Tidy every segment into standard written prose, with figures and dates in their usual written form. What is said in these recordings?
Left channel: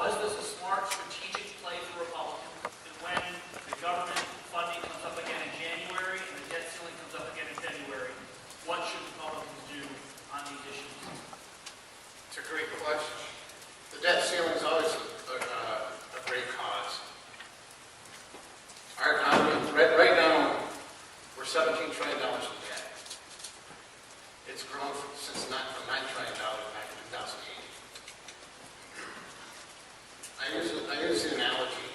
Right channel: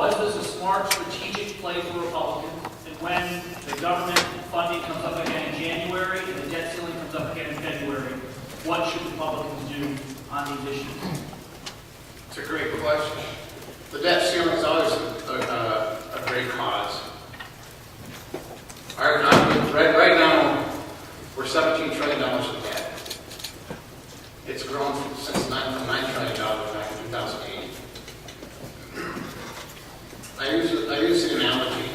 Was this a smart strategic play for Republicans? And when the government funding comes up again in January and the debt ceiling comes up again in February, what should Republicans do on these issues? It's a great question. The debt ceiling is always a great cause. Our economy, right now, we're $17 trillion in debt. It's grown from $9 trillion back in 2008. I use the analogy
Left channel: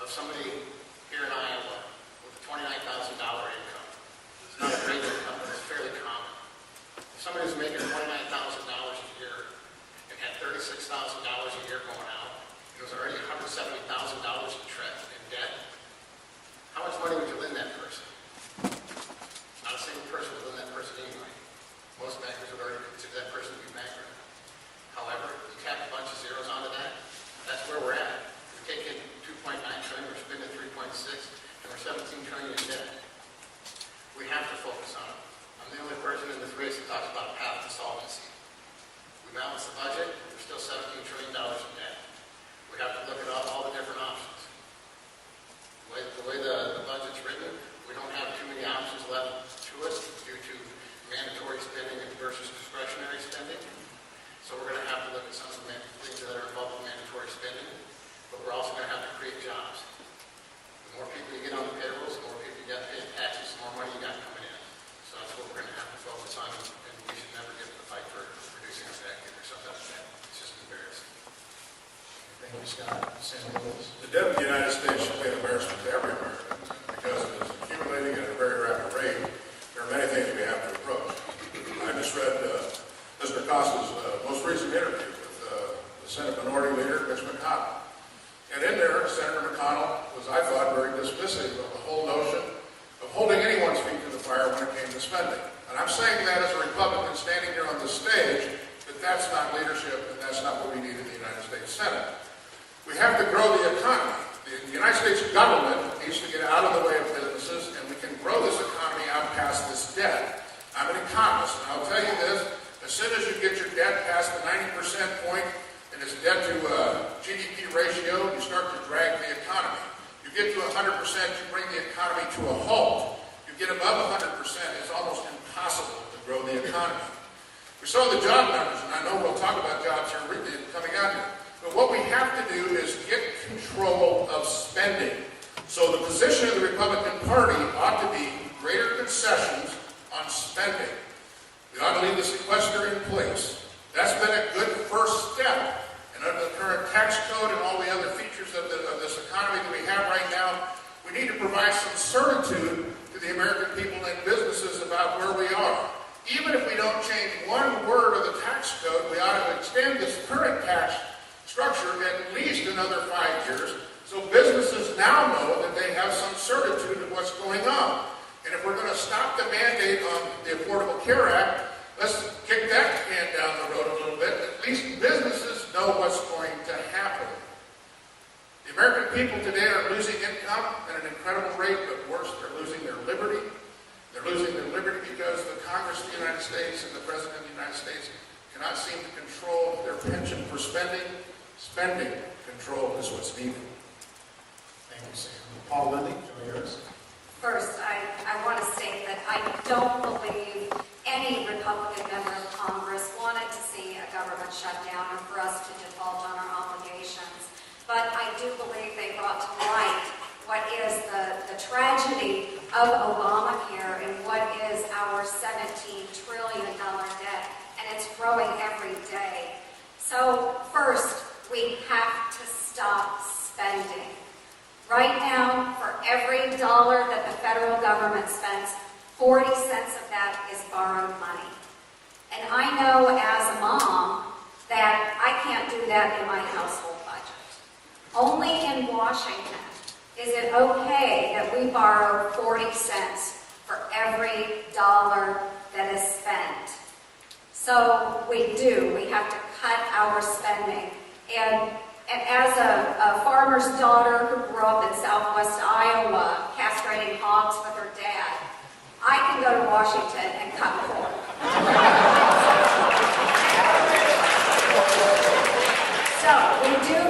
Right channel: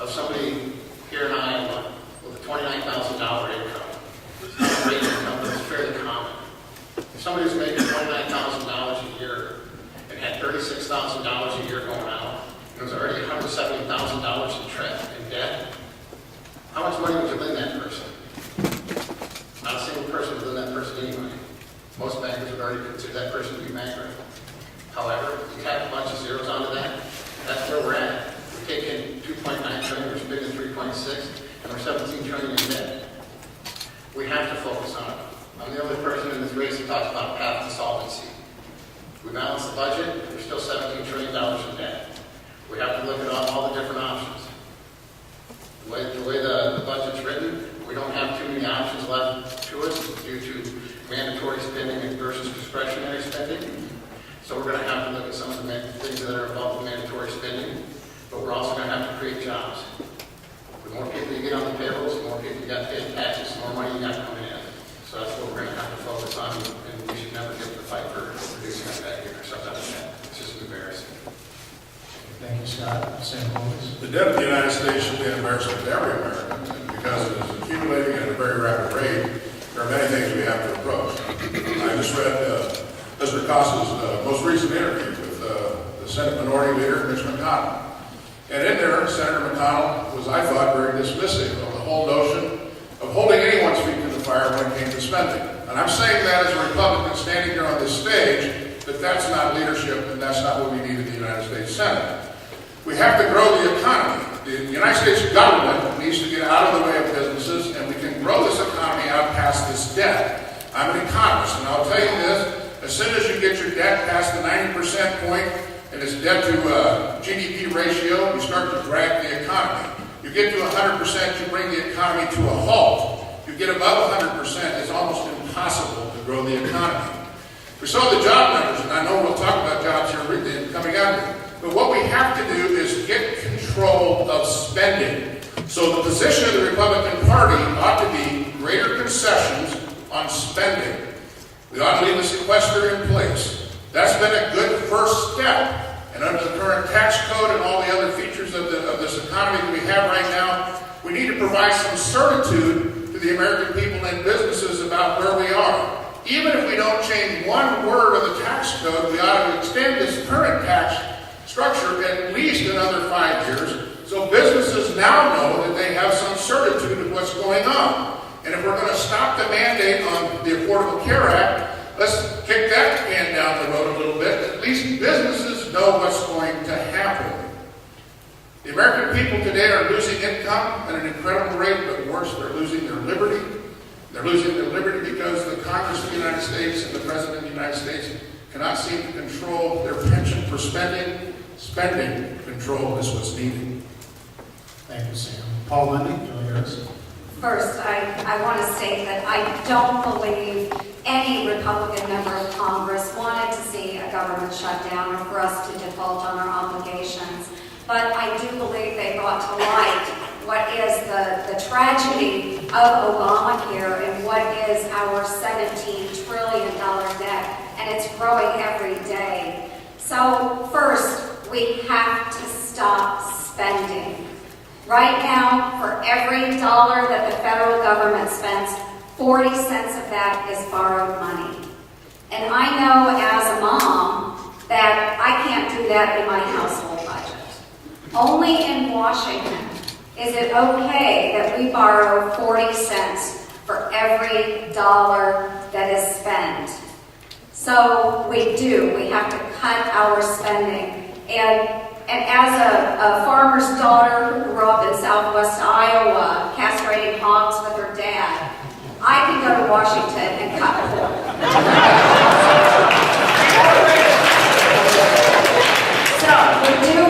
of somebody here in Iowa with a $29,000 income. It's not a great income, but it's fairly common. If somebody who's making $29,000 a year and had $36,000 a year going out, and was already $170,000 in debt, how much money would you lend that person? Not a single person would lend that person any money. Most bankers would already consider that person to be bankrupt. However, you tack a bunch of zeros onto that, that's where we're at. We take in $2.9 trillion, we're spending $3.6, and we're $17 trillion in debt. We have to focus on it. I'm the only person in this race that talks about a path to solvency. We balance the budget, we're still $17 trillion in debt. We have to look at all the different options. The way the budget's written, we don't have too many options left to us due to mandatory spending versus discretionary spending. So we're going to have to look at some of the things that are above the mandatory spending, but we're also going to have to create jobs. The more people you get on the payrolls, the more people you got paying taxes, the more money you got coming in. So that's what we're going to have to focus on, and we should never give the fight for reducing our debt, getting ourselves out of debt. It's just embarrassing. Thank you, Scott. Senator Lewis. The debt of the United States should be an embarrassment to every American, and because it is accumulating at a very rapid rate, there are many things we have to approach. I just read Mr. Costa's most recent interview with the Senate Minority Leader, Mitch McConnell. And in there, Senator McConnell was, I thought, very dismissive of the whole notion of holding anyone's feet to the fire when it came to spending. And I'm saying that as a Republican standing here on this stage, that that's not leadership and that's not what we need in the United States Senate. We have to grow the economy. The United States government needs to get out of the way of businesses, and we can grow this economy out past this debt. I'm an economist, and I'll tell you this, as soon as you get your debt past the 90% point and its debt to GDP ratio, you start to drag the economy. You get to 100%, you bring the economy to a halt. You get above 100%, it's almost impossible to grow the economy. We saw the job numbers, and I know we'll talk about jobs here coming out here. But what we have to do is get control of spending. So the position of the Republican Party ought to be greater concessions on spending. We ought to leave the sequester in place. That's been a good first step. And under the current tax code and all the other features of this economy that we have right now, we need to provide some certitude to the American people and businesses about where we are. Even if we don't change one word of the tax code, we ought to extend this current tax structure at least another 5 years, so businesses now know that they have some certitude of what's going on. And if we're going to stop the mandate on the Affordable Care Act, let's kick that can down the road a little bit. At least businesses know what's going to happen. The American people today are losing income at an incredible rate, but worse, they're losing their liberty. They're losing their liberty because the Congress of the United States and the President of the United States cannot seem to control their penchant for spending. Spending control is what's needed. Thank you, Sam. Paul Lindy, Julie Harris. First, I want to state that I don't believe any Republican member of Congress wanted to see a government shutdown or for us to default on our obligations. But I do believe they brought to light what is the tragedy of Obamacare and what is our $17 trillion debt, and it's growing every day. So first, we have to stop spending. Right now, for every dollar that the federal government spends, 40 cents of that is borrowed money. And I know as a mom that I can't do that in my household budget. Only in Washington is it okay that we borrow 40 cents for every dollar that is spent. So we do. We have to cut our spending. And as a farmer's daughter who grew up in southwest Iowa, castrating hogs with her dad, I can go to Washington and cut corn. So we do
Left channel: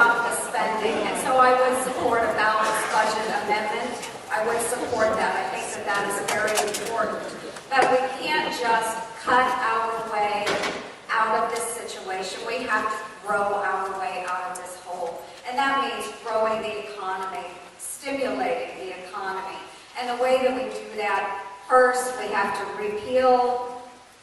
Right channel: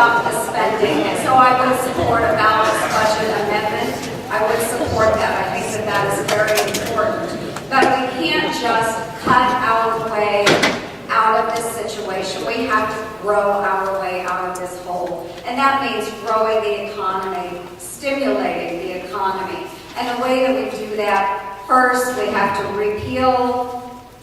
stop the spending. And so I would support a balanced budget amendment. I would support that. I think that that is very important. But we can't just cut our way out of this situation. We have to grow our way out of this hole. And that means growing the economy, stimulating the economy. And the way that we do that, first we have to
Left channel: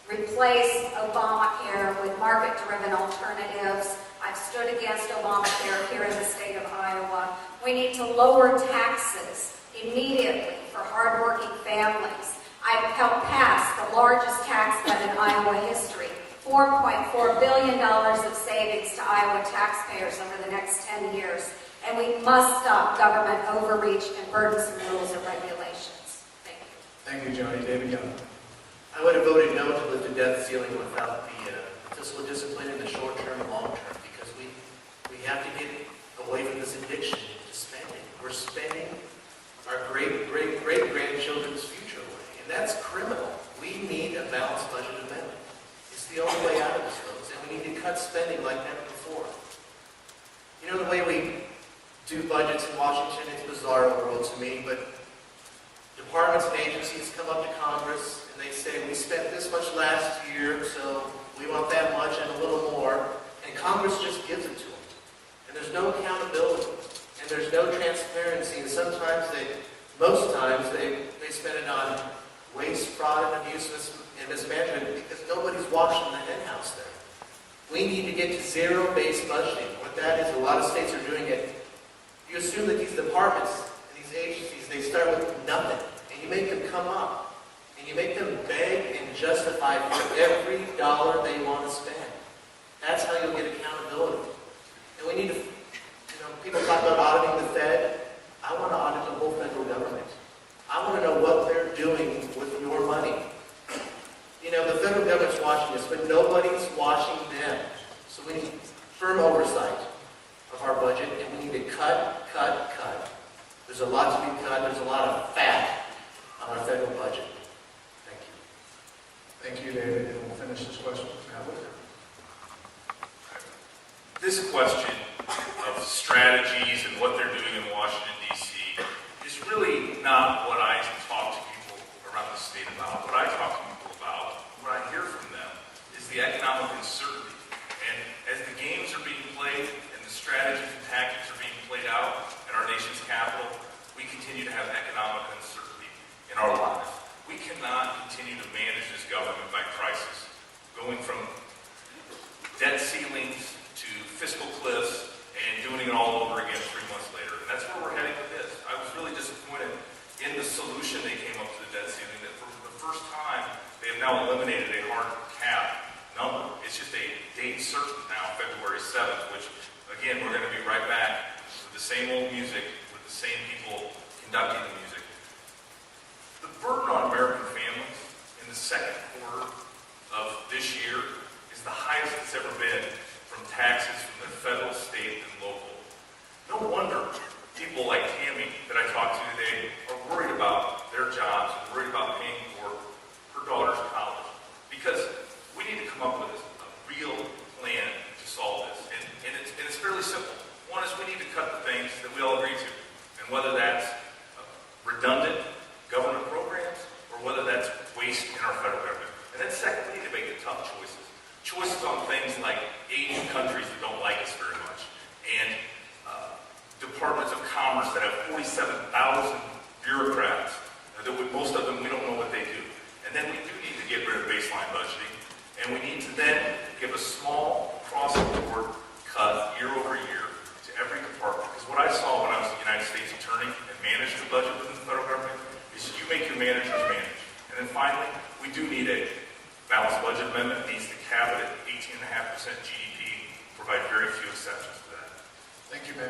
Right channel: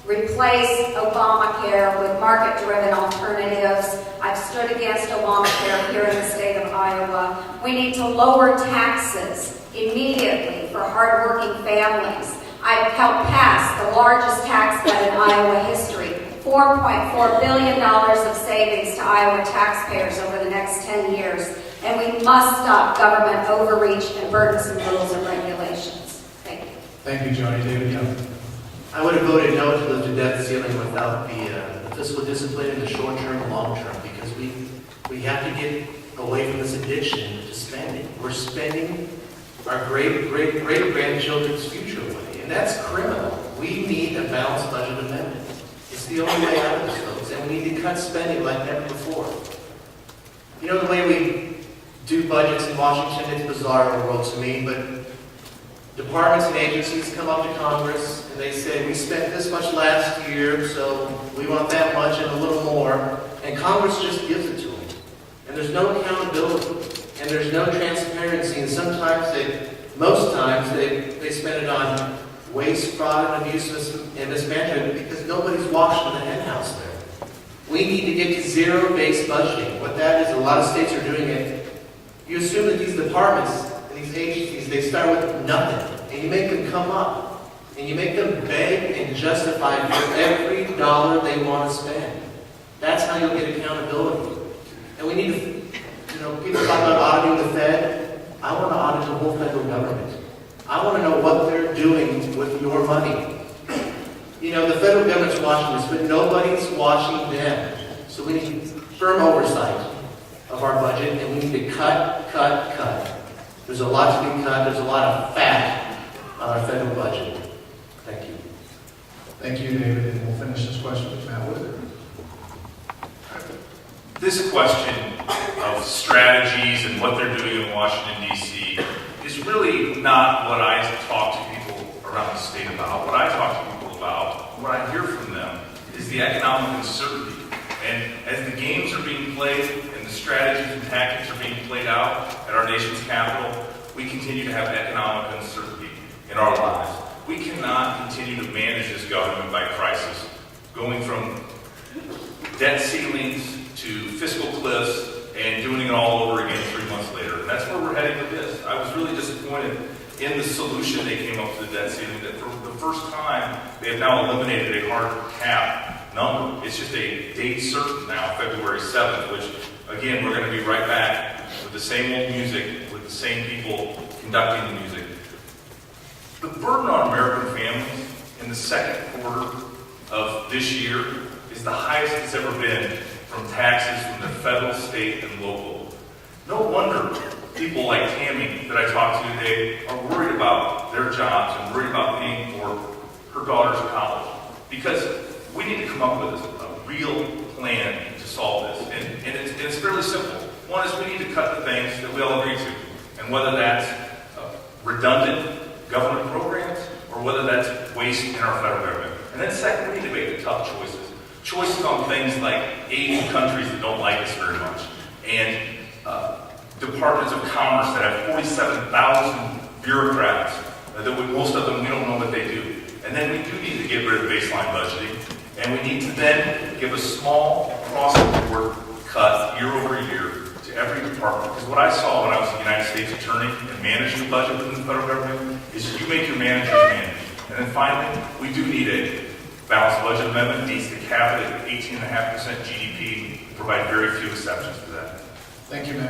replace Obamacare with market-driven alternatives. I've stood against Obamacare here in the state of Iowa. We need to lower taxes immediately for hardworking families. I've helped pass the largest tax cut in Iowa history, $4.4 billion of savings to Iowa taxpayers over the next 10 years. And we must stop government overreach and burdensome rules and regulations. Thank you. Thank you, Joni. David Young. I would have voted no to lift the debt ceiling without the fiscal discipline in the short term and long term, because we have to get away from this addiction to spending. We're spending our great-grandchildren's future away, and that's criminal. We need a balanced budget amendment. It's the only way out of this, folks, and we need to cut spending like never before. You know, the way we do budgets in Washington, it's bizarre in the world to me, but departments and agencies come up to Congress and they say, we spent this much last year, so we want that much and a little more, and Congress just gives it to them. And there's no accountability, and there's no transparency, and most times they spend it on waste, fraud, and abuse and mismanagement because nobody's watching the hen house there. We need to get to zero-based budgeting. What that is, a lot of states are doing it. You assume that these departments and these agencies, they start with nothing, and you make them come up, and you make them beg and justify for every dollar they want to spend. That's how you'll get accountability. And we need to, people talk about auditing the Fed. I want to audit the whole federal government. I want to know what they're doing with your money. The federal government's watching this, but nobody's watching them. So we need firm oversight of our budget, and we need to cut. There's a lot to be cut. There's a lot of fat on our federal budget. Thank you. Thank you, David. And we'll finish this question with Matt Whitaker. This question of strategies and what they're doing in Washington, D.C. is really not what I talk to people around the state about. What I talk to people about, what I hear from them, is the economic uncertainty. And as the games are being played and the strategies and tactics are being played out at our nation's capital, we continue to have economic uncertainty in our lives. We cannot continue to manage this government by crisis, going from debt ceilings to fiscal cliffs and doing it all over again 3 months later. And that's where we're heading with this. I was really disappointed in the solution they came up to the debt ceiling, that for the first time, they have now eliminated a hard cap number. It's just a date certain now, February 7th, which, again, we're going to be right back with the same old music, with the same people conducting the music. The burden on American families in the second quarter of this year is the highest it's ever been from taxes from the federal, state, and local. No wonder people like Tammy that I talked to today are worried about their jobs and worried about paying for her daughter's college. Because we need to come up with a real plan to solve this. And it's fairly simple. One is we need to cut the things that we all agree to. And whether that's redundant government programs or whether that's waste in our federal government. And then second, we need to make the tough choices. Choices on things like Asian countries that don't like us very much, and departments of commerce that have 47,000 bureaucrats, most of them we don't know what they do. And then we do need to get rid of baseline budgeting, and we need to then give a small across-the-board cut year over year to every department. Because what I saw when I was the United States Attorney and managed the budget within the federal government is you make your managers manage. And then finally, we do need a balanced budget amendment. It needs to cap it at 18.5% GDP, provide very few exceptions to that. Thank you, Matt.